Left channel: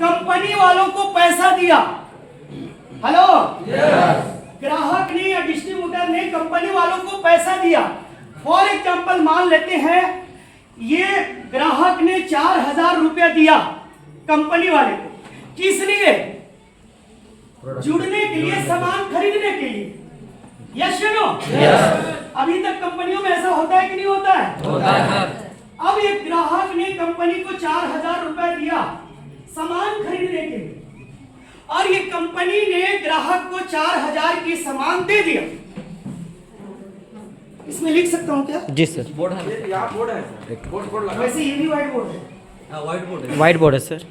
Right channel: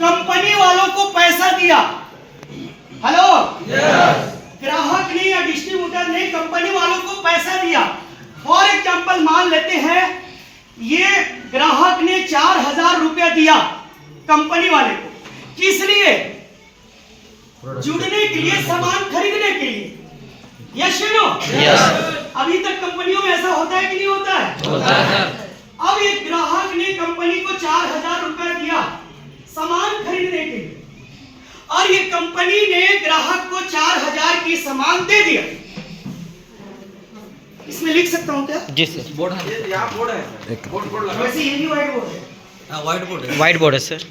Company वालों को पैसा दिया। हेलो, ग्राहक ने या डिस्ट्रीब्यूटर ने कंपनी वालों को पैसा दिया। फॉर एग्जाम्पल मान लेते हैं ये ग्राहक ने 4,000 रुपया दिया कंपनी वाले को, किस लिए? जुड़ने के लिए, सामान खरीदने के लिए। यस या नो? अभी तक कंपनियों में ऐसा होता है कि नहीं होता है? होता है। अब एक ग्राहक ने कंपनी को 4,000 रुपए दिया सामान खरीदने के लिए, और ये कंपनी ने ग्राहक को 4,000 की सामान दे दिया। इसमें लिख सकता हूँ क्या? जी सर। बोर्ड है, यहाँ बोर्ड है सर। बोर्ड लगा। वैसे ये भी व्हाइट बोर्ड है। हाँ, व्हाइट बोर्ड है। व्हाइट बोर्ड है सर।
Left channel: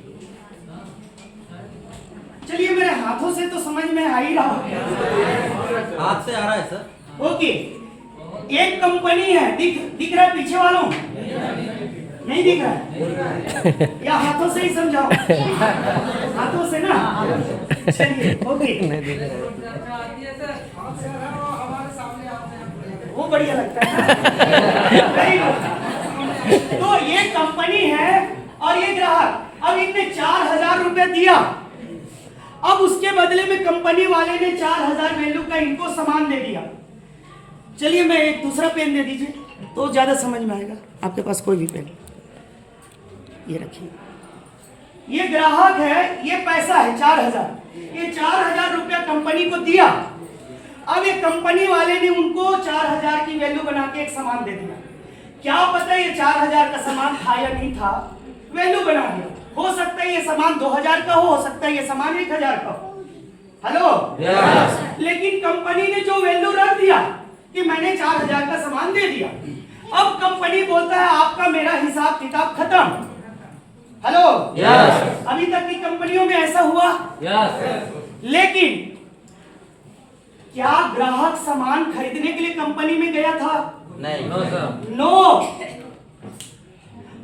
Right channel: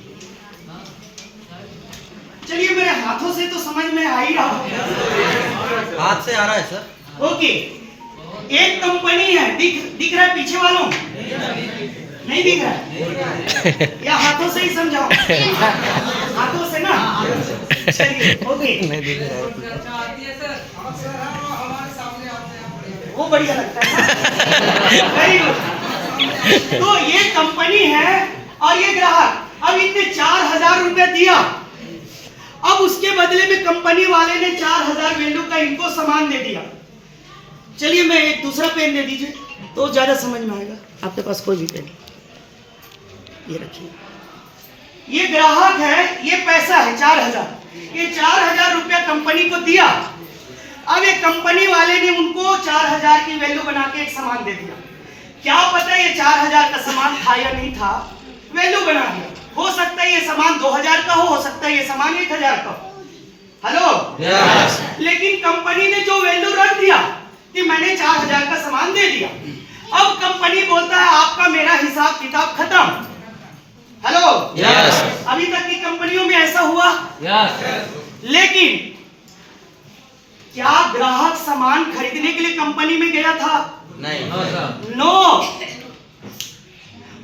चलिए, मेरे हाथों से तो समझ में आ ही रहा है। हाथ से आ रहा है सर। ओके, एक कंपनी है, दिख रहा है पीछे वालों? नहीं दिख रहा है? या हाथों से ही समझाओ? हाथों से ना? चलिए, ओके। वो बढ़िया लगता है। Very good. तो ये कंपनी है और ये ग्राहक, अब इतने 4,000 रुपए दिया। अब उसके बदले में कंपनी वाले ने 4,000 वैल्यू का इनको सामान दे दिया। चलिए, मैं एक दूसरा पेन दे दीजिए तो ज्यादा समझ में आएगा। आपके पास कोई भी पेन? ये रखिए। ये ग्राहक है, ये पैसा है 4,000। ये 4,000 रुपया कंपनी को दिया। अब एक कंपनी वाले ने उनको 4,000 की वैल्यू बना के एक सामान दे दिया। क्या पता ये 4,000 का सामान था या नहीं था, वैल्यू बना दिया। हो सकता है ये सामान 2,000 का हो सकता है ये सामान 1,000 का हो। हेलो, लेकिन कंपनी ने जो वैल्यू रख दिया कि मैंने 4,000 का सामान दे दिया, अब कंपनी बोलता है आपका मेरा हिसाब किताब खत्म। हेलो, अभी तक की कंपनियों में ऐसा हुआ? लेकिन क्या ग्राहक सामान खरीदने के लिए कंपनी में गया था? नहीं। नो।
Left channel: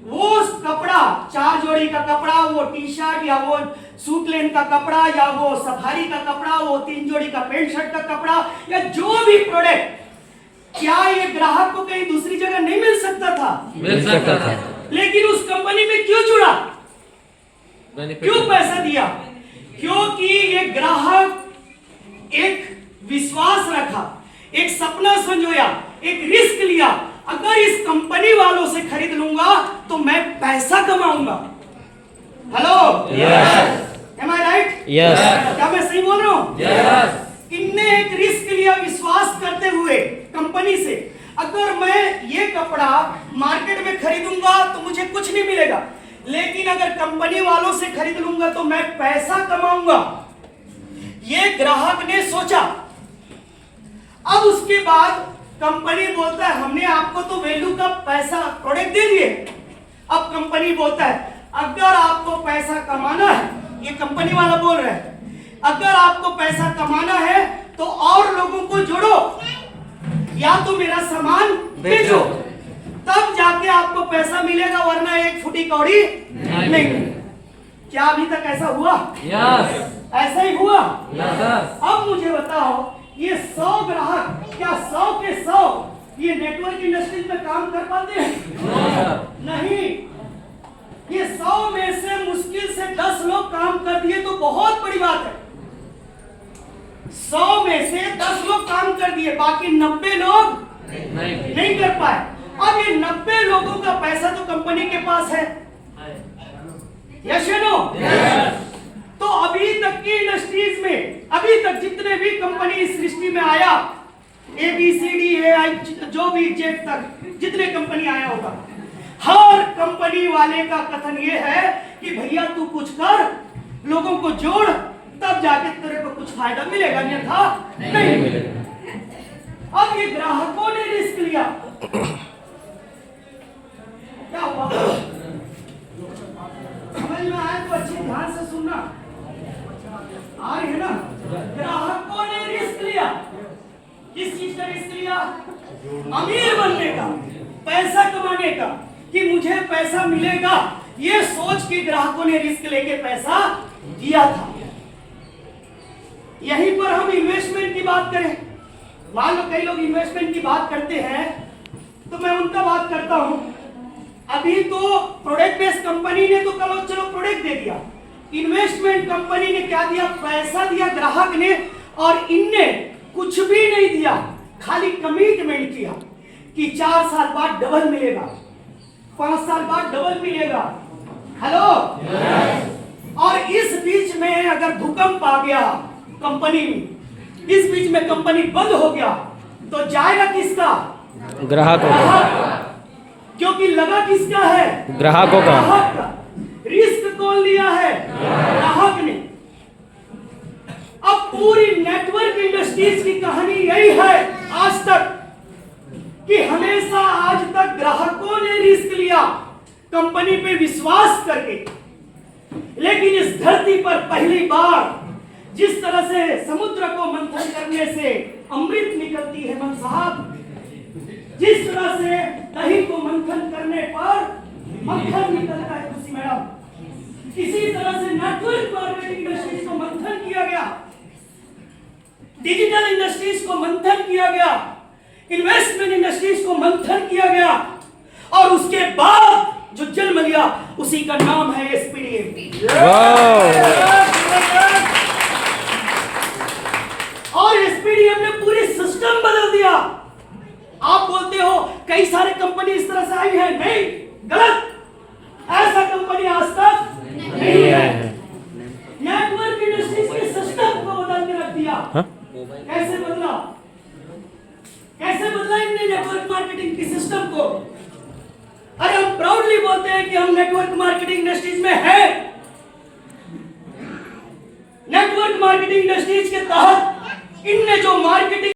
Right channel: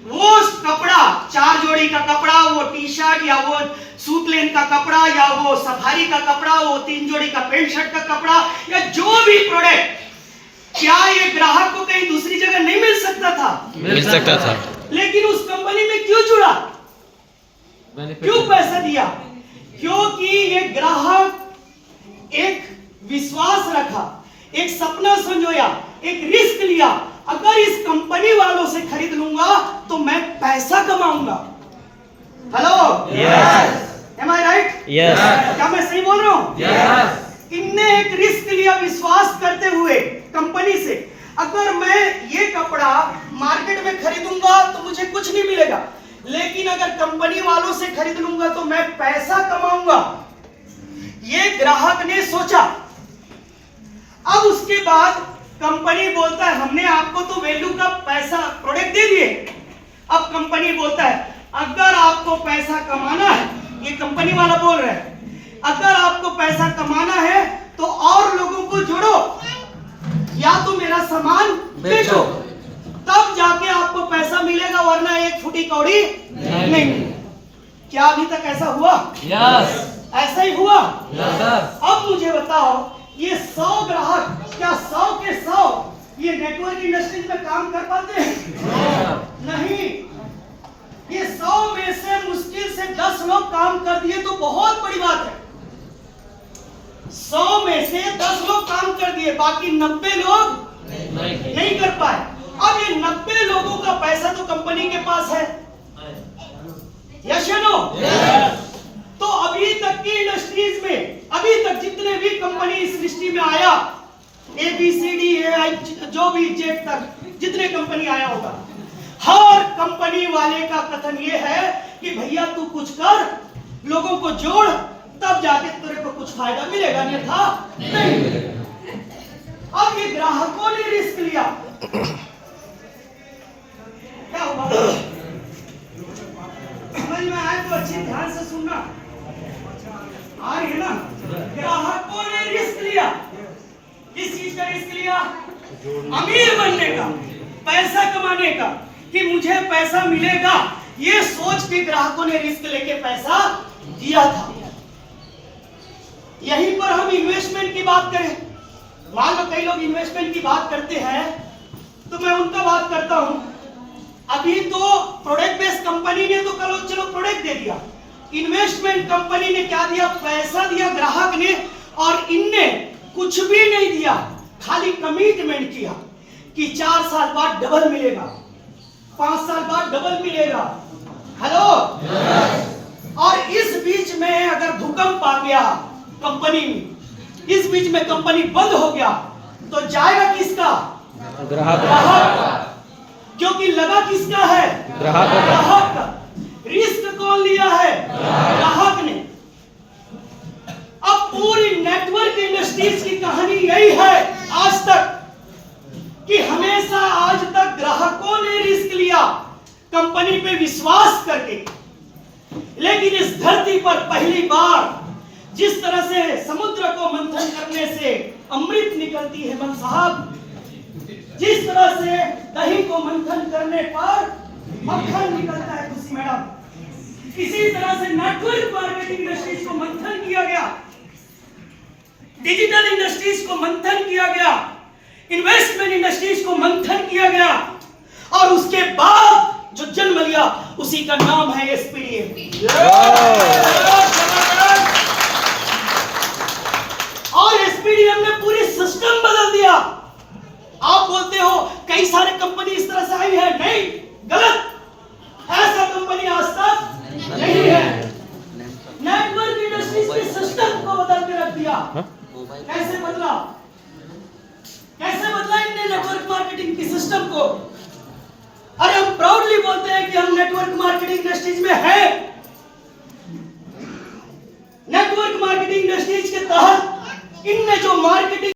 वो कपड़ा, 4 जोड़ी का कपड़ा, वो टी शर्ट या वो सूट लेन का कपड़ा या वो सफारी का कपड़ा, वो 3 जोड़ी का पैंट शर्ट का कपड़ा या जो भी प्रोडक्ट, क्या ये ग्राहक को कहीं दूसरी जगह नहीं मिल सकता था? मिल सकता था। लेकिन उस कंपनी में क्यों जुड़ा? क्यों पैसा दिया? क्योंकि ये ग्राहक एक विश्वास रखा, एक सपना संजोया, एक रिस्क लिया। अगर इस कंपनी वालों से खरीद लूंगा तो मैं पैसा कमाऊंगा। हेलो, एम आई राइट? क्या मैं सही बोल रहा हूं? इनने एक रिस्क लिया विश्वास करते हुए कंपनी से। अगर मैं ये कपड़ा मार्केट में खरीदूंगा तो मुझे कुछ नहीं मिलेगा, लेकिन अगर कंपनी वालों से खरीद लूंगा तो मैं पैसा कमाऊंगा। ये ग्राहक ने सोचा। अब उसके बाद कंपनी बोलता है हमने आपको तो वैल्यू का पैसा प्रोडक्ट दे दिए। अब कंपनी बोलता है अगर आपको पैसा कमाना है, ये कंपनी वाला बोल रहा है, अगर आपको पैसा कमाना है तो और लोगों को जोड़ो या तो मेरा सामान बेचो, तब जाके आपको पैसा मिलेगा, वरना एक फुटी कौड़ी नहीं। क्या अभी तक ऐसा हुआ? ऐसा ही हुआ। अब मुझे बताओ, ये 100 ग्राहक, क्या 100 के 100 ये नेटवर्क इंडस्ट्रीज में काम कर पाते हैं? नहीं। ये 100 में से मुश्किल से 10 लोग काम कर दिए तो बहुत बड़ी बात है। 100 में से 10 लोग काम कर दिए, बाकी 90 लोग नहीं कर पाए। अब ये 90 लोगों का पैसा तो कंपनी के पास है। यस या नो? तो अभी तक की इंडस्ट्रीज में, अभी तक जितने भी कंपनी इस सृष्टि में आया, ABCD जो भी जेड तक जितने कंपनी आया होगा, हर कंपनी वाले का कथन ये है कि भैया तू कुछ कर, लोगों को जोड़, तब जाके तेरे को कुछ फायदा मिलेगा, अन्यथा नहीं मिलेगा। अब ये ग्राहकों ने रिस्क लिया। क्या हुआ? समझ में आए तो अच्छे ध्यान से सुनना। आ रही है ना? ग्राहकों ने रिस्क लिया। किस चीज का रिस्क लिया? अमीर बनने का, पैसा कमाने का, कि मुझे पैसा मिलेगा, ये सोच के ग्राहकों ने रिस्क लेके पैसा दिया था। यहीं पर हम इन्वेस्टमेंट की बात करें, मान लो कई लोग इन्वेस्टमेंट की बात करते हैं तो मैं उनका बात करता हूं। अभी तो प्रोडक्ट बेस्ड कंपनी ने तो चलो प्रोडक्ट दे दिया, इन्वेस्टमेंट कंपनी ने क्या दिया, पैसा दिया ग्राहक ने, और इनने कुछ भी नहीं दिया, खाली कमिटमेंट किया कि 4 साल बाद डबल मिलेगा, 5 साल बाद डबल मिलेगा। हेलो, और इस बीच में अगर भूकंप आ गया कंपनी में, इस बीच में कंपनी बंद हो गया, तो जाएगा किसका? ग्राहक ग्राहक, क्योंकि लगा किसका है? ग्राहकों का। ग्राहक का। रिस्क कौन लिया है? ग्राहक ने। अब पूरी नेटवर्क इंडस्ट्रीज की कहानी यही है आज तक, कि हमेशा आज तक ग्राहकों ने रिस्क लिया कंपनी पे विश्वास करके। लेकिन इस धरती पर पहली बार जिस तरह से समुद्र को मंथन करने से अमृत निकलती है मन साहब, जिस तरह से दही को मंथन करने पर मक्खन निकलता है खुशी मैडम, इसी तरह से नेटवर्क मार्केटिंग इंडस्ट्रीज को मंथन किया गया, डिजिटल इंडस्ट्रीज को मंथन किया गया, इन्वेस्टमेंट इंडस्ट्रीज को मंथन किया गया, और उसके बाद जो जन्म लिया उसी का नाम है एसपीडीएम। और एसपीडीएम ने पूरी सिस्टम बदल दिया। आप बोलते हो कई सारे कंपनी इस तरह से आई है, नहीं, गलत, ऐसा कंपनी आज तक नहीं है। नेटवर्क इंडस्ट्रीज के सिस्टम को बदल के रख दिया। कैसे बदला? कैसे बदला इनने नेटवर्क मार्केटिंग की सिस्टम को? अरे हम प्राउडली बोलते हैं कि हम नेटवर्क मार्केटिंग इंडस्ट्रीज में हैं। नेटवर्क मार्केटिंग इंडस्ट्रीज के तहत इनने जो मार्केटिंग